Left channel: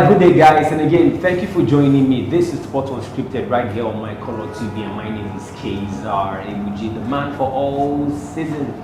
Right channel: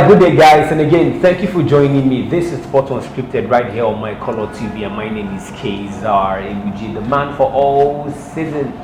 Alright, good day guys, and again, thank you for joining me. This is Sport Unscripted right here on MyColorTV, and my name is Kazar Emuji, the man for all season.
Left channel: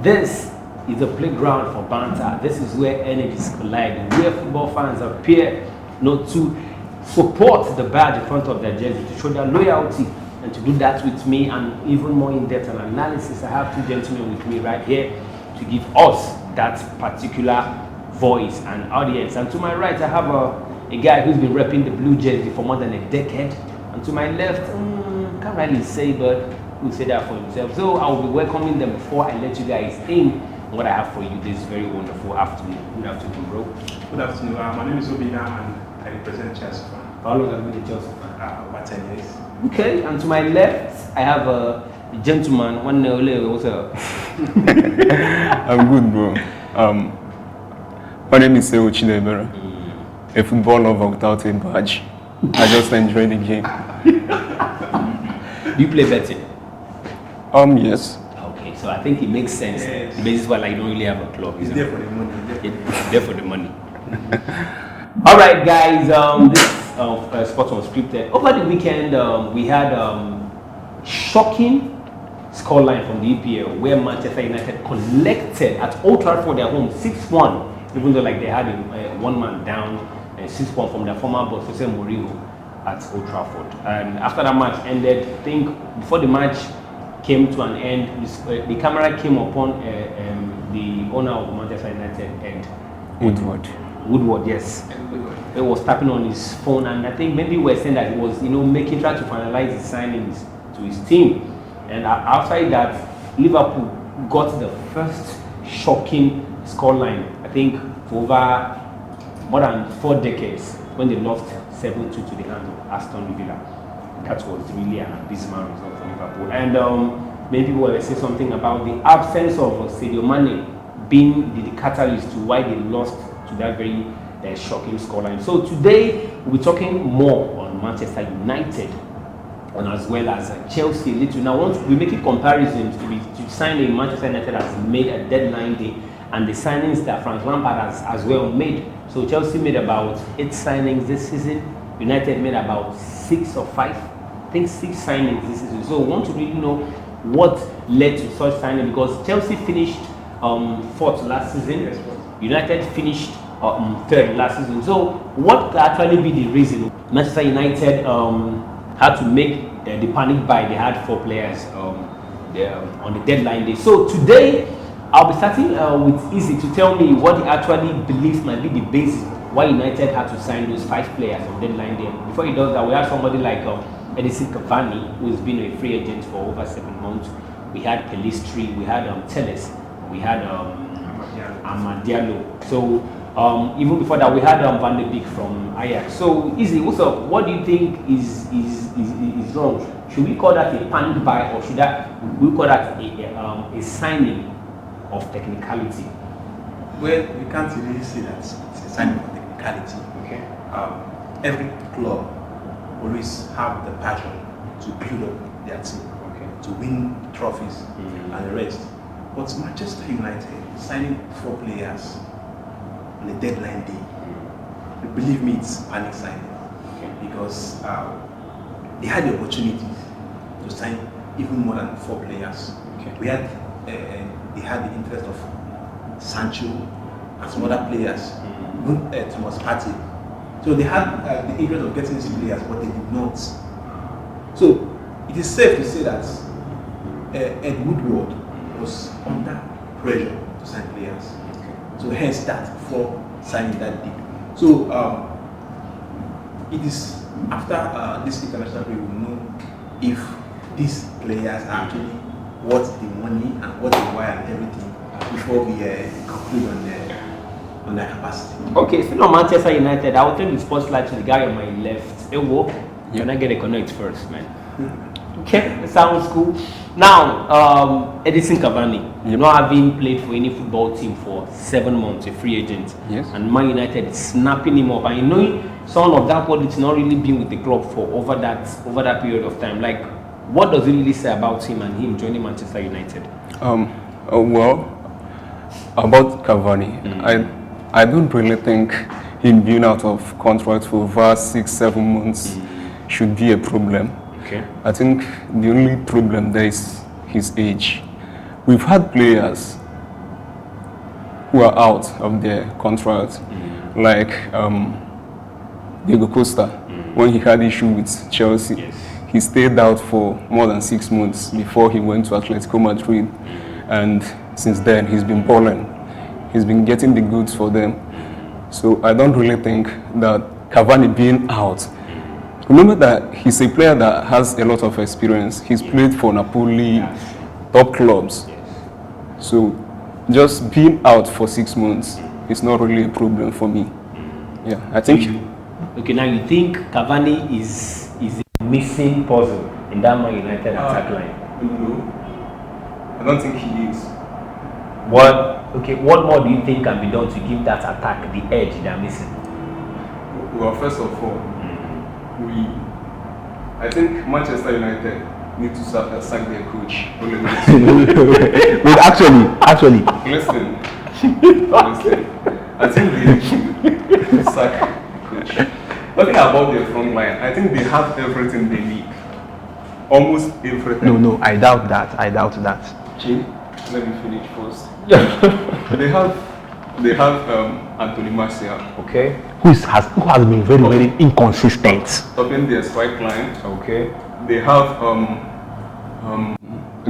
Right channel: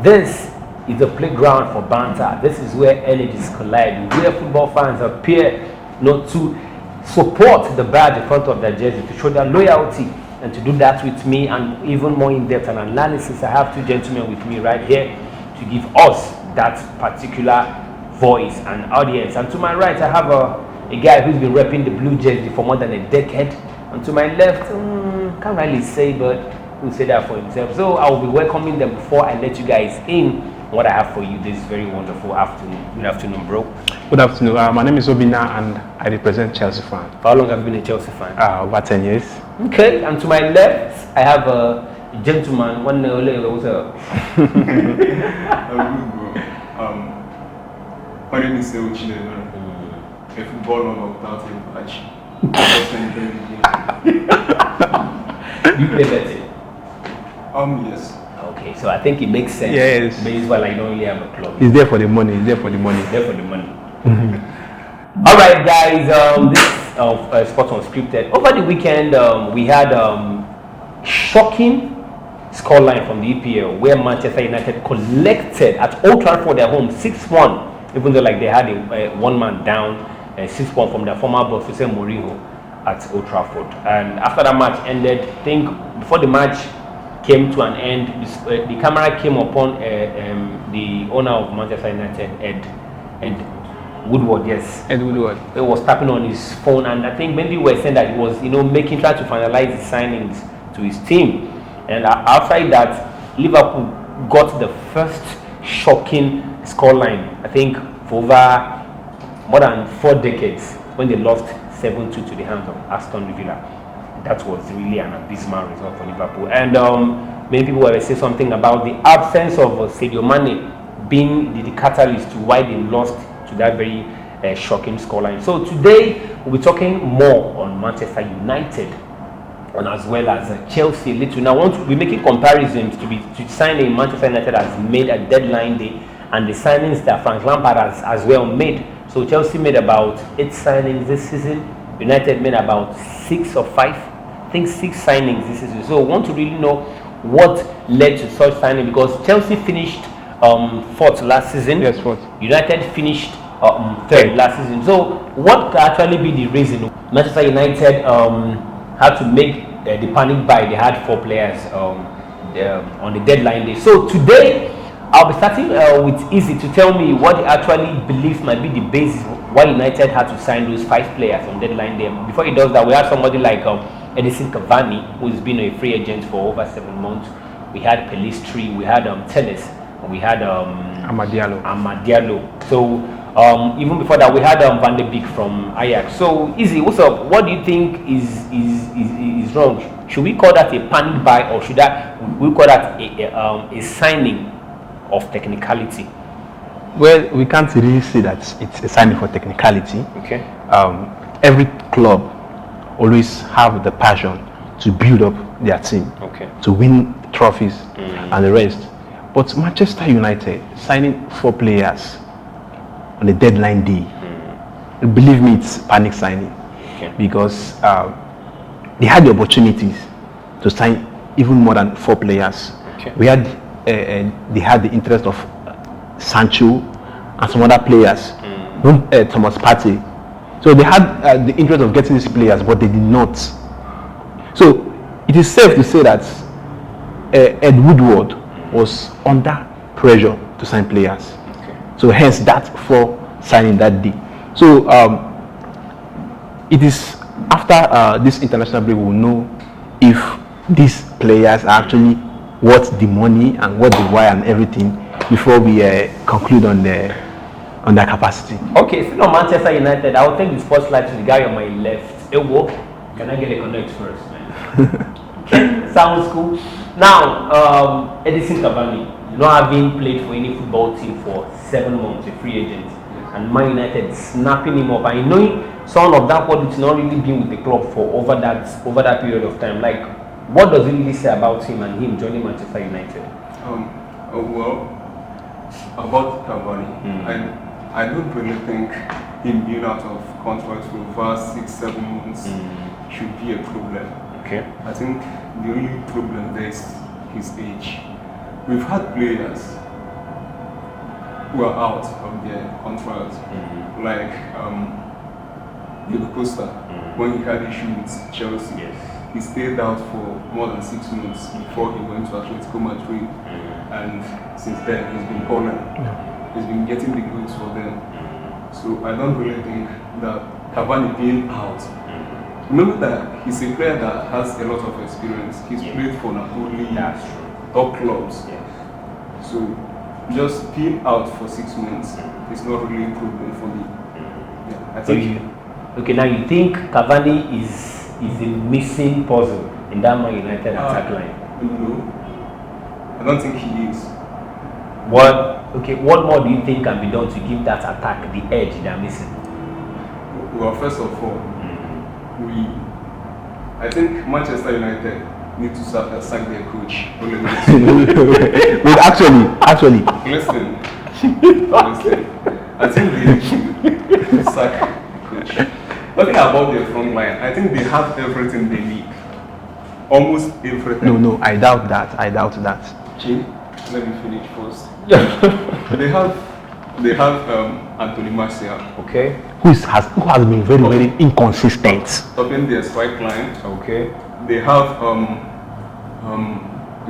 This is a playground for banter. This is where energies collide, where football fans appear not to support the badge in front of their jersey, to show their loyalty, and to do that with me and even more in-depth an analysis. I have two gentlemen with me right here to give us that particular voice and audience. And to my right, I have a guy who's been repping the blue jersey for more than a decade. And to my left, can't really say, but who'll say that for himself. So I will be welcoming them before I let you guys in what I have for you this very wonderful afternoon. Good afternoon, bro. Good afternoon. My name is Obina and I represent Chelsea fan. How long have you been a Chelsea fan? Over 10 years. Okay, and to my left, I have a gentleman. One what's up? I'm good, bro. My name is Sewo Chinebera, a football lover without a badge. I just enjoy the game. Do you play betting? Yes. Okay, so I think it makes sense. Yes. But it's why like, you don't really have a club. It's there for the money. It's there for the money. It's there for the money. All right, guys. This Sport Unscripted. Over the weekend, we had shocking scoreline from the EPL, where Manchester United collected at Old Trafford their home 6-1. Even though like they had a one-man down, 6-1 from their former boss, Jose Mourinho, at Old Trafford. And after that match ended, I think before the match came to an end, the camera came upon the owner of Manchester United, Ed Woodward, yes. Ed Woodward. He was tapping on his phone, and I think maybe we were saying that he was, trying to finalize the signings to his team. And outside that, Liverpool got the first shocking scoreline, I think, for over more than 4 decades, when they lost 7-2 to the hands of Aston Villa. That was really an abysmal result for Liverpool. And many people were saying something about the absence of Sadio Mane being the catalyst to why they lost to that very shocking scoreline. So today we'll be talking more on Manchester United and as well as Chelsea a little. Now, once we make comparisons to signing Manchester United has made a deadline day, and the signings that Frank Lampard has as well made. So Chelsea made about 8 signings this season. United made about 6 or 5, I think 6 signings this season. So we want to really know what led to such signing, because Chelsea finished 4th last season. Yes, 4th. United finished 3rd last season. So what could actually be the reason Manchester United had to make the panic buy? They had 4 players on the deadline day. So today, I'll be starting with Easy to tell me what he actually believes might be the basis why United had to sign those 5 players on deadline day. Before he does that, we have somebody like Edison Cavani, who has been a free agent for over 7 months. We had Pelistri, we had Tennis, we had Amadialo. So even before that, we had Van de Beek from Ajax. So Easy, what's up? What do you think is wrong? Should we call that a panic buy, or should we call that a signing of technicality? Well, we can't really say that it's a signing for technicality. Okay. Every club always have the passion to build up their team, okay, to win trophies and the rest. But Manchester United signing 4 players on the deadline day, believe me, it's panic signing. Okay. Because they had the opportunities to sign even more than 4 players. Okay. They had the interest of Sancho and some other players, Thomas Partey. So they had the interest of getting these players, but they did not. So it is safe to say that Ed Woodward was under pressure to sign players. Okay. So hence that for signing that day. So it is after this international break we will know if these players are actually worth the money and what the why and everything before we conclude on their capacity. Okay, so on Manchester United, I will take the spotlight to the guy on my left. Ewo, can I get a connect first, man? Okay, sounds cool. Now, Edison Cavani, not having played for any football team for 7 months, a free agent, Yes. and Man United is snapping him up. And knowing someone of that quality not really been with the club for over that period of time, like, what does it really say about him and him joining Manchester United? Well, about Cavani, I don't really think him being out of contract for over 6-7 months should be a problem. Okay. I think the only problem there is his age. We've had players who are out of their contract, like Diego Costa, when he had issue with Chelsea. Yes. He stayed out for more than 6 months before he went to Atletico Madrid, and since then he's been balling. He's been getting the goods for them. So I don't really think that Cavani being out. Remember that he's a player that has a lot of experience. He's played for Napoli, top clubs. Yes. So just being out for 6 months is not really a problem for me. Yeah, I think. Okay, now you think Cavani is a missing puzzle in that Man United attack line? No, I don't think he is. What more do you think can be done to give that attack the edge they're missing? Well, first of all, I think Manchester United need to sack their coach. Wait, actually. Listen. I think they need to sack the coach. Talking about their front line, I think they have everything they need. Almost everything. No, I doubt that. Jim, let me finish first. they have Anthony Martial. Okay. Who has been very inconsistent. Topping their strike line. Okay. They have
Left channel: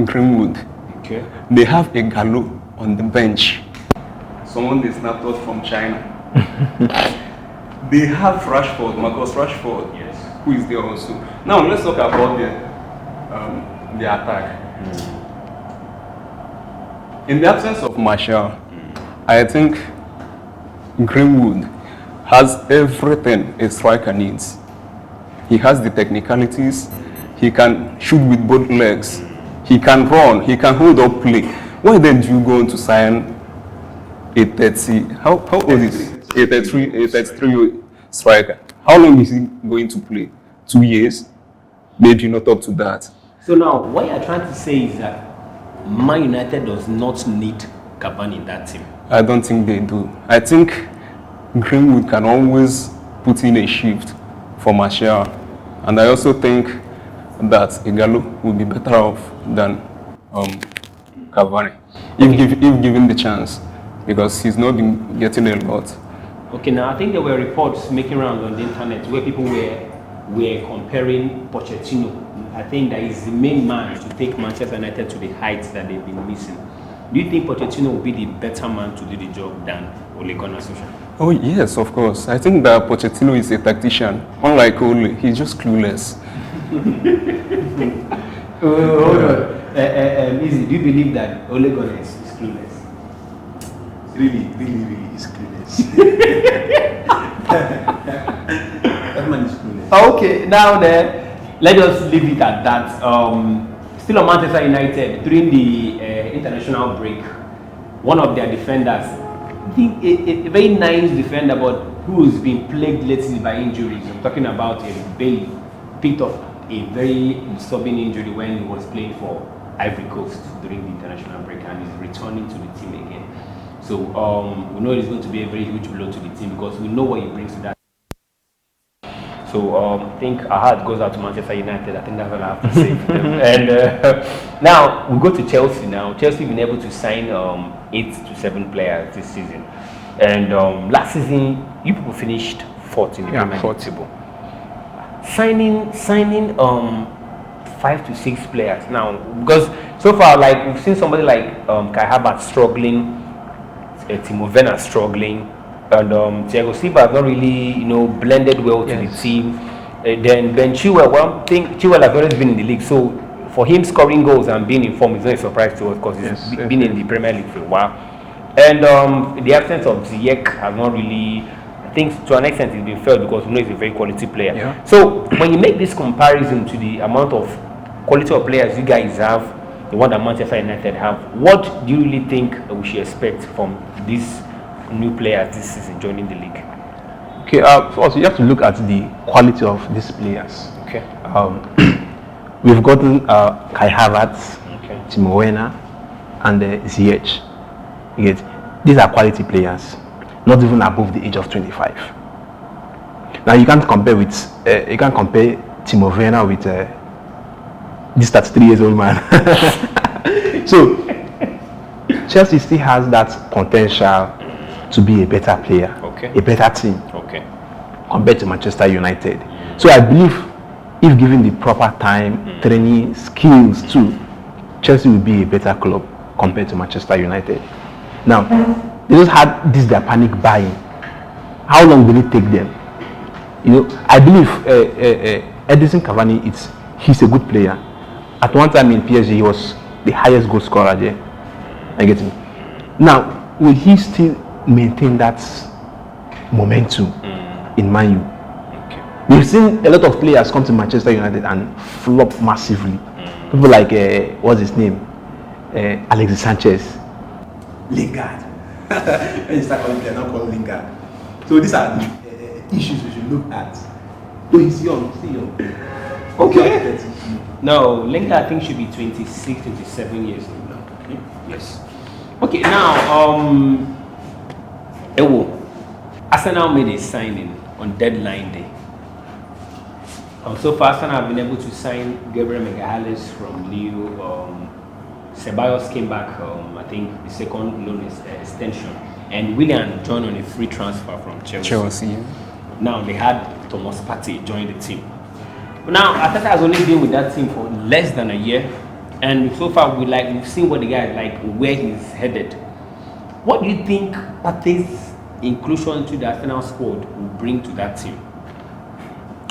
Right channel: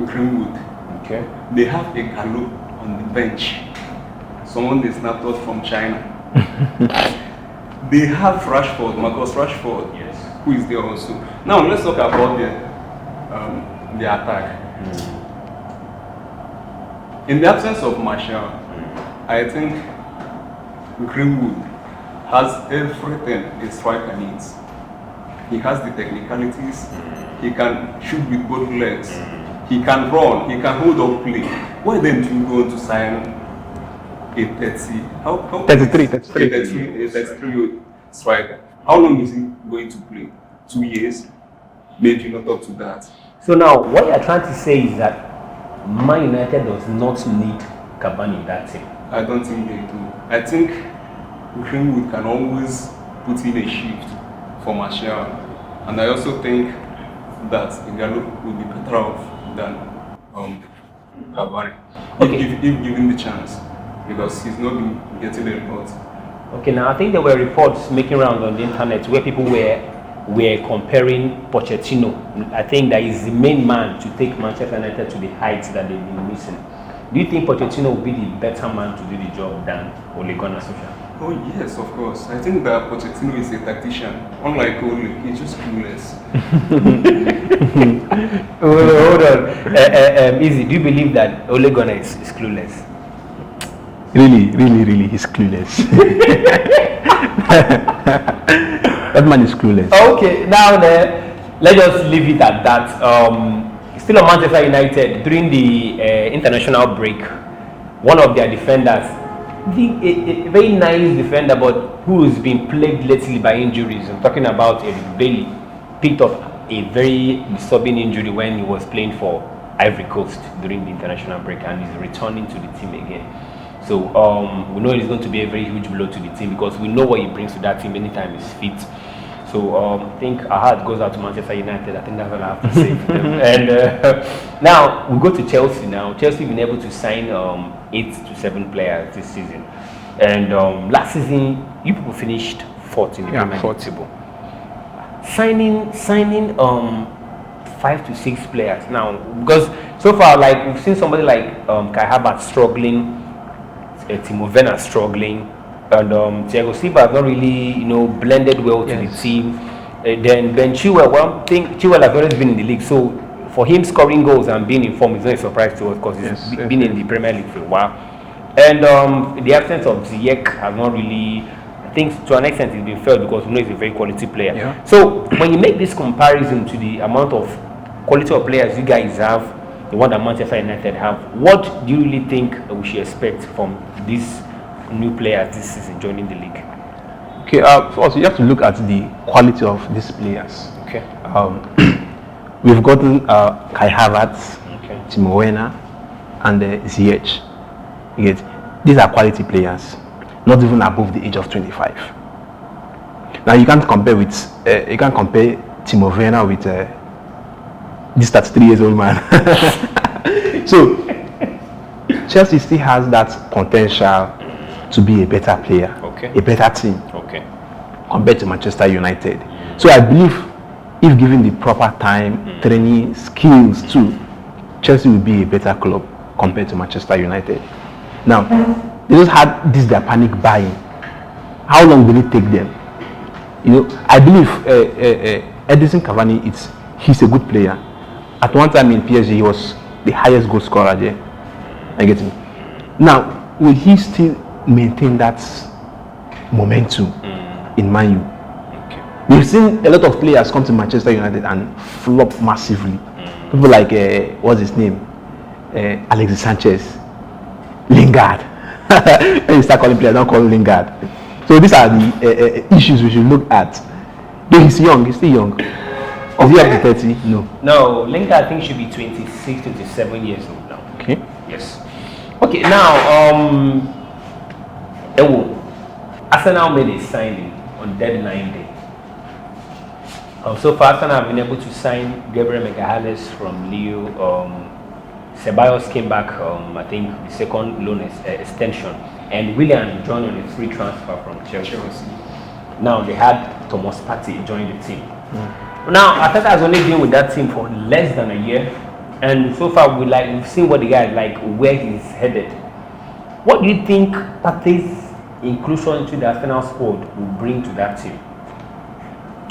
Greenwood. Okay. They have a Gallo on the bench. Someone they snapped out from China. They have Marcus Rashford. Yes. Who is there also. Now let's talk about the attack. In the absence of Martial, I think Greenwood has everything a striker needs. He has the technicalities. He can shoot with both legs. He can run. He can hold up play. Why then do you go on to sign a 33 striker? How long is he going to play? 2 years? They do not talk to that. So now, what you're trying to say is that Man United does not need Cavani in that team. I don't think they do. I think Greenwood can always put in a shift for Martial. And I also think that Igalo will be better off than Cavani, if given the chance, because he's not been getting a lot. Okay, now I think there were reports making rounds on the internet where people were comparing Pochettino. I think that is the main man to take Manchester United to the heights that they've been missing. Do you think Pochettino will be the better man to do the job than Ole Gunnar Solskjaer? Oh yes, of course. I think that Pochettino is a tactician. Unlike Ole, he's just clueless. Hold on. Easy, do you believe that Ole Gunnar is clueless? Really, he's clueless. That man is clueless. Okay, now let's just leave it at that. Still on Manchester United, during the international break, one of their defenders, a very nice defender, but who's been plagued lately by injuries. I'm talking about Eric Bailey, picked up a very disturbing injury when he was playing for Ivory Coast during the international break, and he's returning to the team again. So we know it's going to be a very huge blow to the team because we know what he brings to that team anytime he's fit. So I think our heart goes out to Manchester United. I think that's all I have to say for them. And now we go to Chelsea. Now Chelsea been able to sign 8 to 7 players this season. And last season, you people finished 4th in the Premier League table. Signing 5 to 6 players now, because so far, like we've seen somebody like Kai Havertz struggling. Timo Werner struggling, and Thiago Silva has not really, blended well to the team. Then Ben Chilwell, one thing, Chilwell has always been in the league, so for him scoring goals and being in form is not a surprise to us because he's been in the Premier League for a while. And the absence of Ziyech has not really, I think to an extent it's been felt because we know he's a very quality player. Yeah. So when you make this comparison to the amount of quality of players you guys have, the one that Manchester United have, what do you really think we should expect from these new players this season joining the league? Okay, also you have to look at the quality of these players. Okay. We've gotten Kai Havertz, Timo Werner, and Ziyech. These are quality players, not even above the age of 25. Now you can't compare Timo Werner with this 33 years old man. So Chelsea still has that potential to be a better player, a better team, compared to Manchester United. So I believe if given the proper time, training, skills too, Chelsea will be a better club compared to Manchester United. Now, they just had this their panic buying. How long will it take them? I believe Edison Cavani, he's a good player. At one time in PSG, he was the highest goal scorer there. I get it. Now, will he still maintain that momentum in Man U? We've seen a lot of players come to Manchester United and flop massively. People like what's his name, Alexis Sanchez, Lingard. When you start calling players, don't call him Lingard. So these are the issues we should look at. Though he's young, he's still young. Is he up to 30? No. No, Lingard I think should be 26, 27 years old now. Okay. Yes. Okay, now Arsenal made a signing on deadline day. So far, Arsenal have been able to sign Gabriel Magalhaes from Lille. Ceballos came back, I think, the second loan extension. And Willian joined on a free transfer from Chelsea. Now, they had Thomas Partey join the team. Now, Arteta has only been with that team for less than a year. And so far, we've seen what the guy is like, where he's headed. What do you think Partey's inclusion into the Arsenal squad will bring to that team?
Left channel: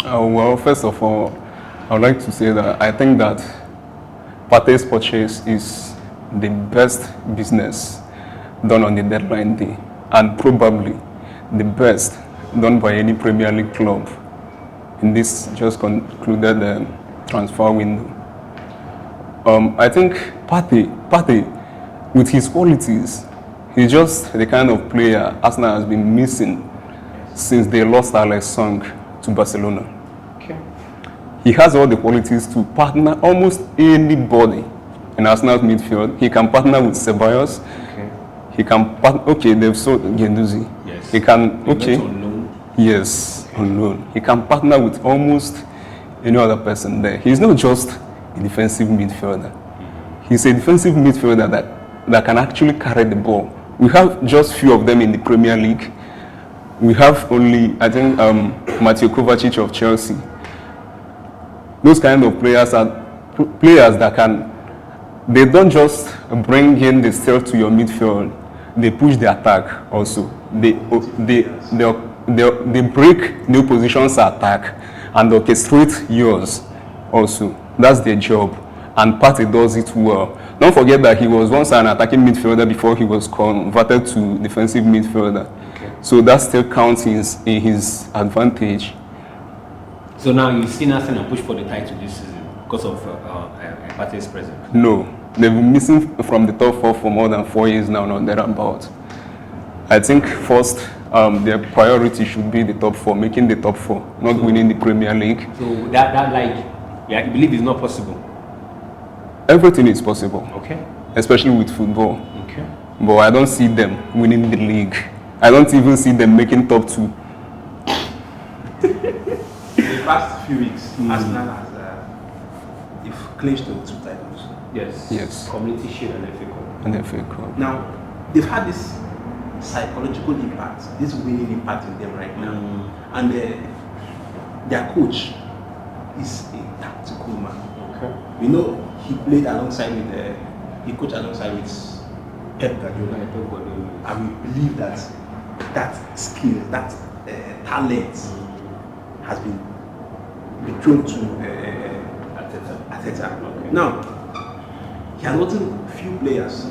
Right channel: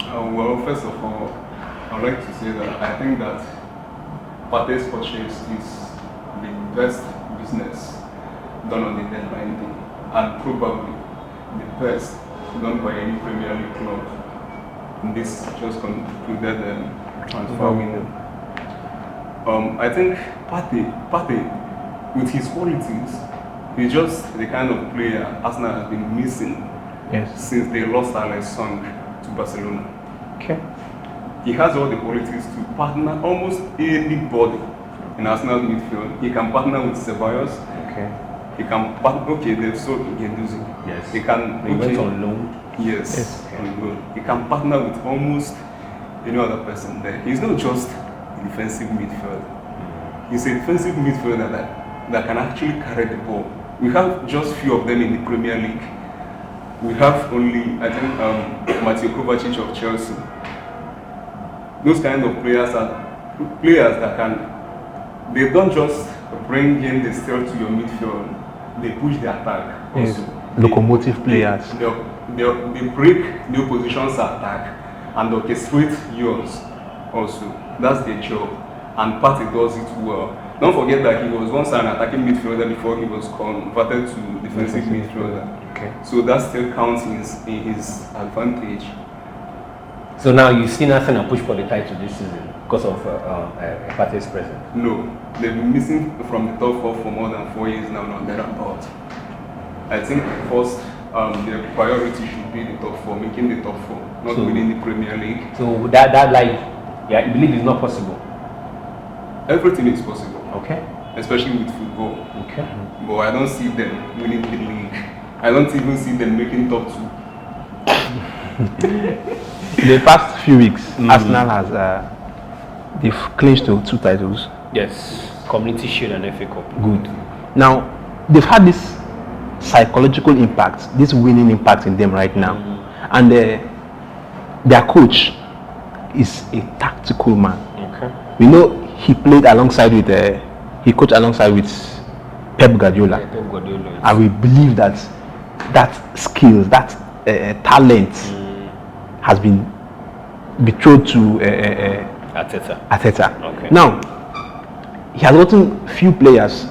Well, first of all, I would like to say that I think that Partey's purchase is the best business done on the deadline day, and probably the best done by any Premier League club in this just concluded transfer window. I think Partey, with his qualities, he's just the kind of player Arsenal has been missing since they lost Alex Song to Barcelona. Okay. He has all the qualities to partner almost anybody in Arsenal's midfield. He can partner with Ceballos. Okay. He can they've sold Guendouzi. Yes. He can on loan. Yes, on loan. He can partner with almost any other person there. He's not just a defensive midfielder. He's a defensive midfielder that can actually carry the ball. We have just few of them in the Premier League. We have only, I think, Mateo Kovacic of Chelsea. Those kind of players are players that they don't just bring in the steal to your midfield, they push the attack also. Locomotive players. They break new positions attack and orchestrate yours also. That's their job. And Partey does it well. Don't forget that he was once an attacking midfielder before he was converted to defensive midfielder. Okay. So that still counts in his advantage. So now you've seen Arsenal push for the title this season because of Partey's presence? No, they've been missing from the top four for more than 4 years now, not thereabout. I think first their priority should be the top four, making the top four, not winning the Premier League. So you believe it's not possible? Everything is possible. Okay. Especially with football. Okay. But I don't see them winning the league. I don't even see them making top two. The past few weeks, Arsenal has they've clinched 2 titles. Yes. Community Shield and FA Cup. Good. FA Cup. Now, they've had this psychological impact, this winning impact in them right now. And their coach is a tactical man. Okay. We know he played alongside with, he coached alongside with Pep Guardiola. Yeah, Pep Guardiola. And we believe that skills, that talent has been betrothed to Arteta. Okay. Now, he has gotten few players,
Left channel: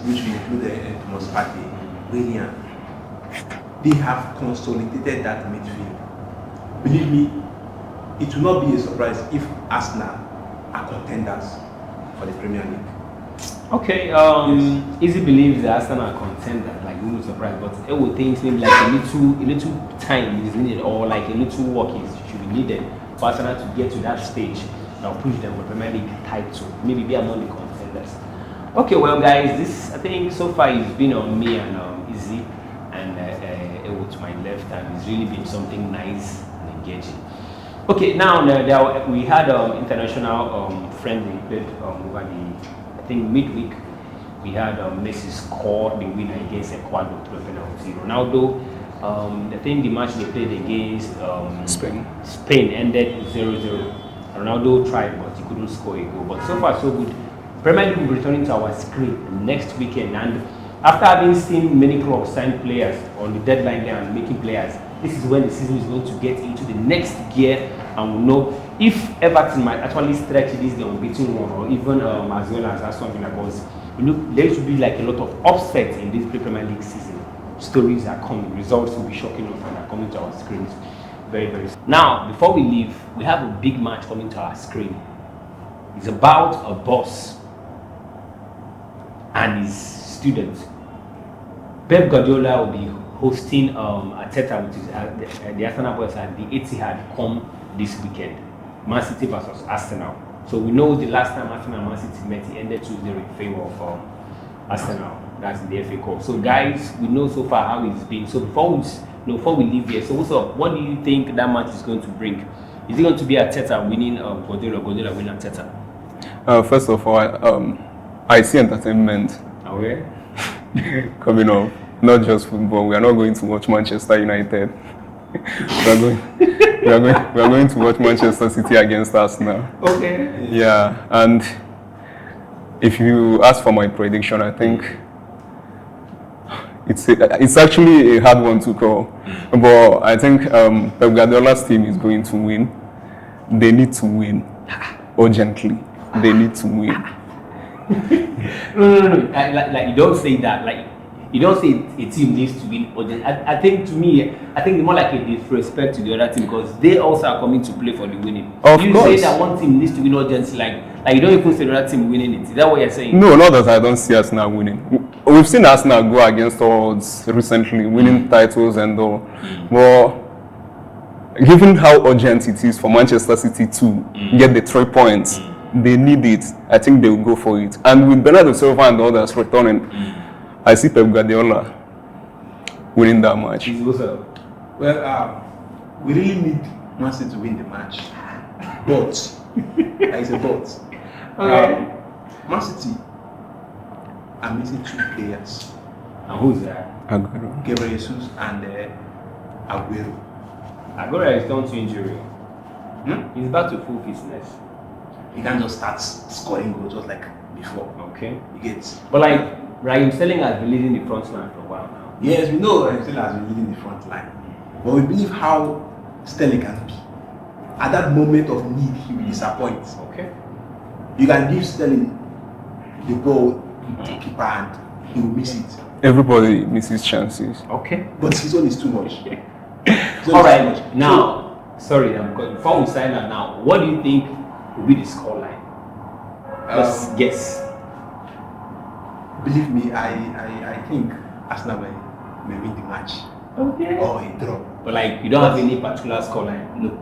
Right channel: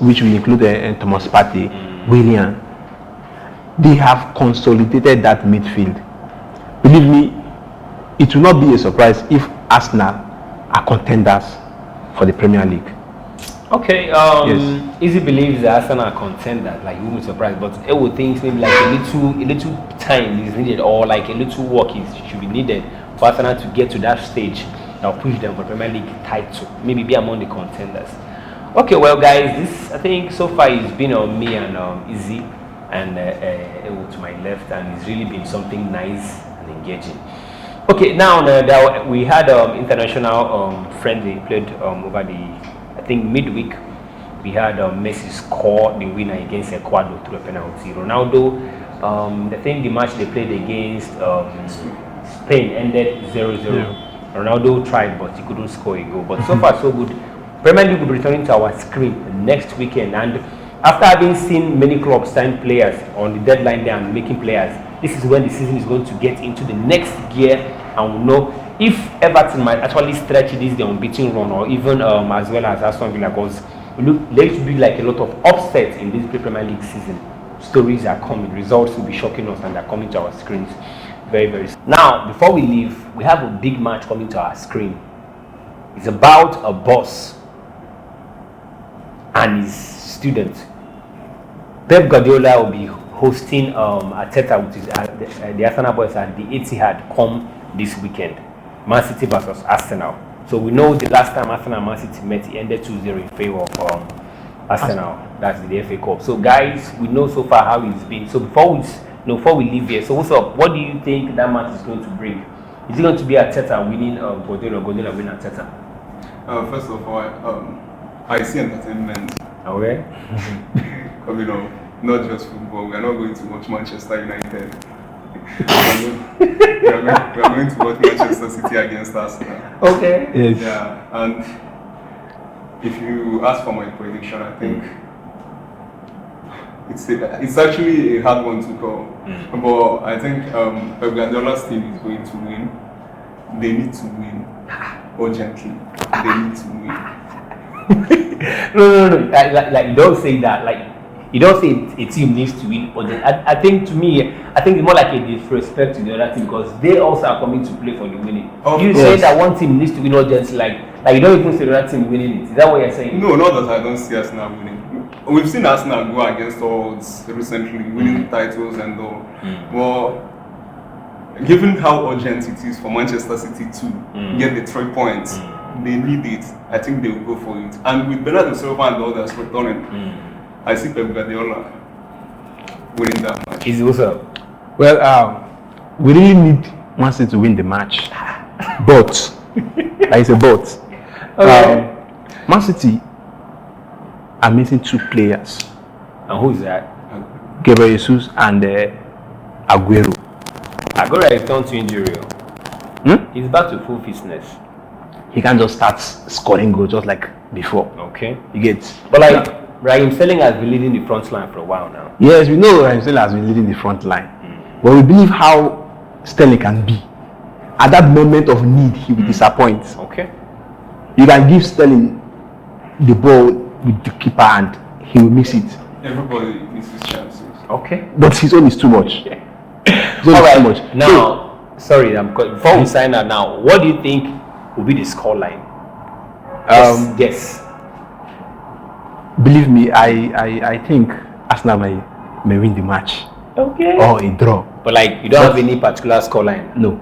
which will include Thomas Partey, Willian. They have consolidated that midfield. Believe me, it will not be a surprise if Arsenal are contenders for the Premier League. Okay, Easy believes that Arsenal are contenders, like you won't be surprised, but it would think like a little time is needed, or like a little work should be needed for Arsenal to get to that stage that will push them for Premier League title, maybe be among the contenders. Okay, well guys, this I think so far has been on me and Easy. and Ewo to my left, and it's really been something nice and engaging. Okay, now we had international friendly played over the, I think, midweek. We had Messi score the winner against Ecuador through a penalty. Ronaldo, I think the match they played against Spain ended 0-0. Yeah. Ronaldo tried, but he couldn't score a goal. But so far, so good. Premier League will be returning to our screen next weekend. And after having seen many clubs sign players on the deadline day and making players, this is when the season is going to get into the next gear, and we'll know if Everton might actually stretch this the unbeaten run, or even as well as Aston Villa, because there should be like a lot of upsets in this Premier League season. Stories are coming, results will be shocking us, and they're coming to our screens very, very soon. Now, before we leave, we have a big match coming to our screen. It's about a boss and his student. Pep Guardiola will be hosting Arteta, which is the Arsenal boys, at the Etihad come this weekend. Man City versus Arsenal. So we know the last time Arsenal and Man City met, it ended 2-0 in favor of Arsenal. That's the FA Cup. So guys, we know so far how it's been. So before we leave here, so what's up? What do you think that match is going to bring? Is it going to be Arteta winning Guardiola winning Arteta? First of all, I see entertainment coming up. Not just football. We are not going to watch Manchester United. we are going to watch Manchester City against Arsenal. Okay. Yes. Yeah, and if you ask for my prediction, I think it's actually a hard one to call. But I think Pep Guardiola's team is going to win. They need to win urgently. They need to win. No. Like you don't say that. Like you don't say a team needs to win urgently. I think, to me, I think it's more like a disrespect to the other team, because they also are coming to play for the winning. You say that one team needs to win urgently, like you don't even see the other team winning it. Is that what you're saying? No, not that I don't see Arsenal winning. We've seen Arsenal go against odds recently, winning titles and all. But given how urgent it is for Manchester City to get the 3 points, they need it. I think they will go for it. And with Bernardo Silva and others returning, I see Pep Guardiola winning that match. Is also Well, we really need Man City to win the match, but it's a but. okay. Man City are missing 2 players, And who's that? Gabriel Jesus and Aguero. Aguero is down to injury. He's back to full fitness. He can't just start scoring goals just like before. Okay. You get? But like Raheem Sterling has been leading the front line for a while now. Yes, we know Raheem Sterling has been leading the front line, but we believe how Sterling can be. At that moment of need, he will disappoint. Okay. You can give Sterling the ball with the keeper and he will miss it. Everybody misses chances. Okay. But his own is too much. His own is too much. Now, before we sign out now, what do you think will be the scoreline? Yes. Believe me, I think Arsenal may win the match. Okay. Or a draw. But like, you don't have any particular scoreline? No.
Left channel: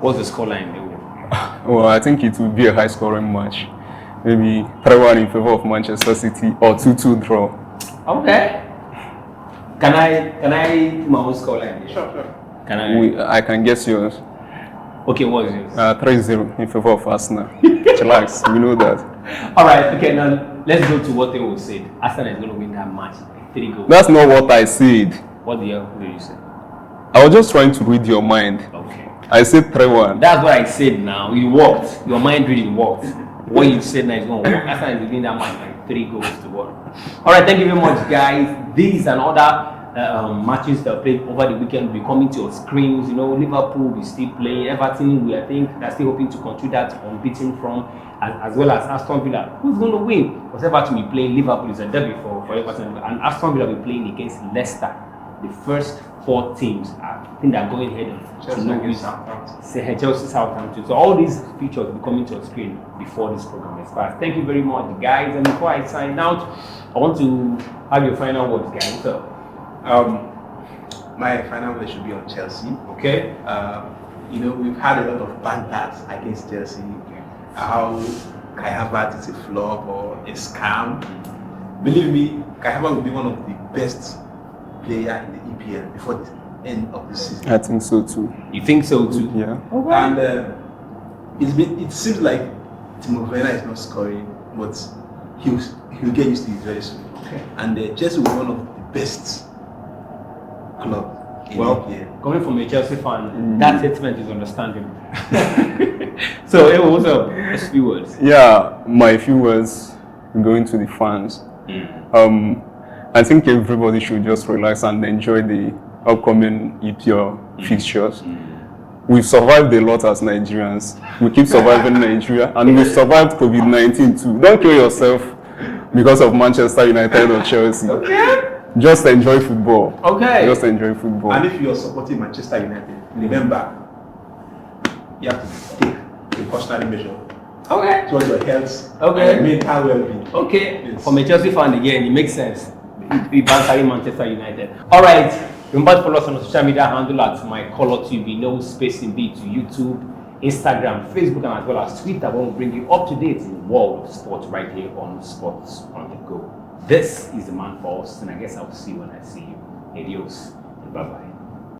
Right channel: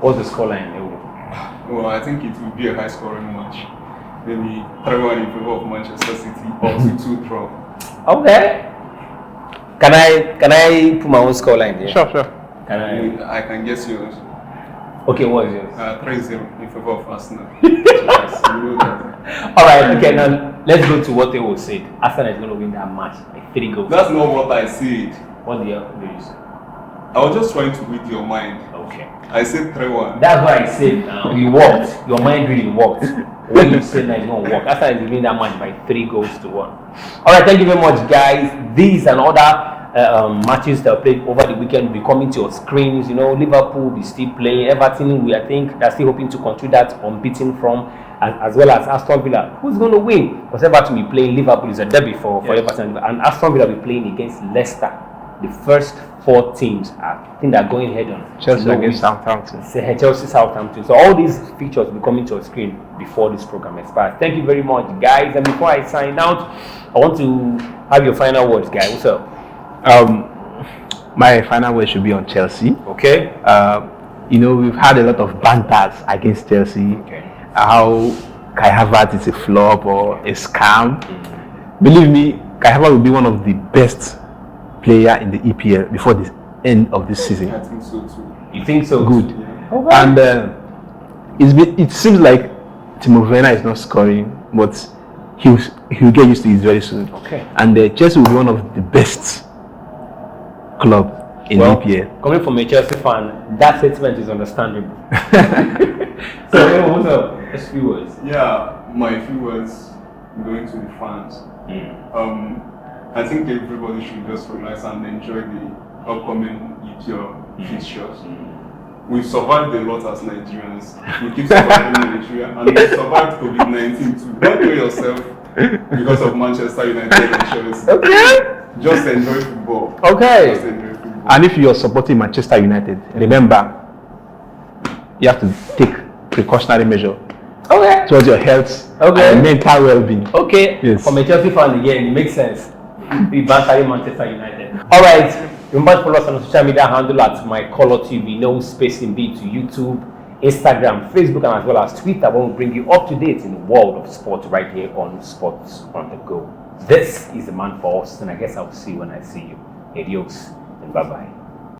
What's the scoreline? Well, I think it will be a high-scoring match. Maybe 3-1 in favor of Manchester City or 2-2 draw. Okay. Can I put my own scoreline there? Sure. I can guess yours. Okay, what's yours? 3-0 in favor of Arsenal. Relax, we know that. Alright, okay, now let's go to what they all said. Arsenal is going to win that match, like 3 goals. That's not what I said. What did you say? I was just trying to read your mind. Okay. I said 3-1. That's what I said now. You worked. Your mind really worked. What you said now is going to work. Arsenal is winning that match by 3 goals to 1. Alright, thank you very much, guys. These and other matches that are played over the weekend will be coming to your screens. You know, Liverpool will be still playing. Everton, I think they're still hoping to continue that unbeaten from, as well as Aston Villa. Who's going to win? Because Everton will be playing. Liverpool is a derby for Everton, and Aston Villa will be playing against Leicester. The first 4 teams, I think they're going head on. Chelsea against Southampton. Chelsea, Southampton. So all these features will be coming to your screen before this program expires. Thank you very much, guys. And before I sign out, I want to have your final words, guys. What's up? My final word should be on Chelsea. Okay. We've had a lot of banters against Chelsea. Okay. How Kai Havertz is a flop or a scam. Believe me, Kai Havertz will be one of the best player in the EPL before the end of this season. I think so too. You think so? Good. Too? Yeah. Okay. And it seems like Timo Werner is not scoring, but he'll get used to it very soon. Okay. And Chelsea will be one of the best club in EPL. Coming from a Chelsea fan, that statement is understandable. So, hey, what's up? Just a few words. Yeah, my few words going to the fans. I think everybody should just relax and enjoy the upcoming EPL fixtures. We've survived a lot as Nigerians. We keep surviving Nigeria, and we've survived COVID-19 too. Don't kill yourself because of Manchester United or Chelsea. Just enjoy football. Okay. Just enjoy football. And if you're supporting Manchester United, remember, you have to take precautionary measure towards your health and mental well-being. Okay. Yes. From a Chelsea fan again, it makes sense. We bantering Manchester United. All right. Remember to follow us on the social media handle at MyColorTV. No space in B to YouTube, Instagram, Facebook, and as well as Twitter. We will bring you up to date in the world of sports right here on Sports on the Go. This is the man for us, and I guess I'll see you when I see you. Adios and bye-bye.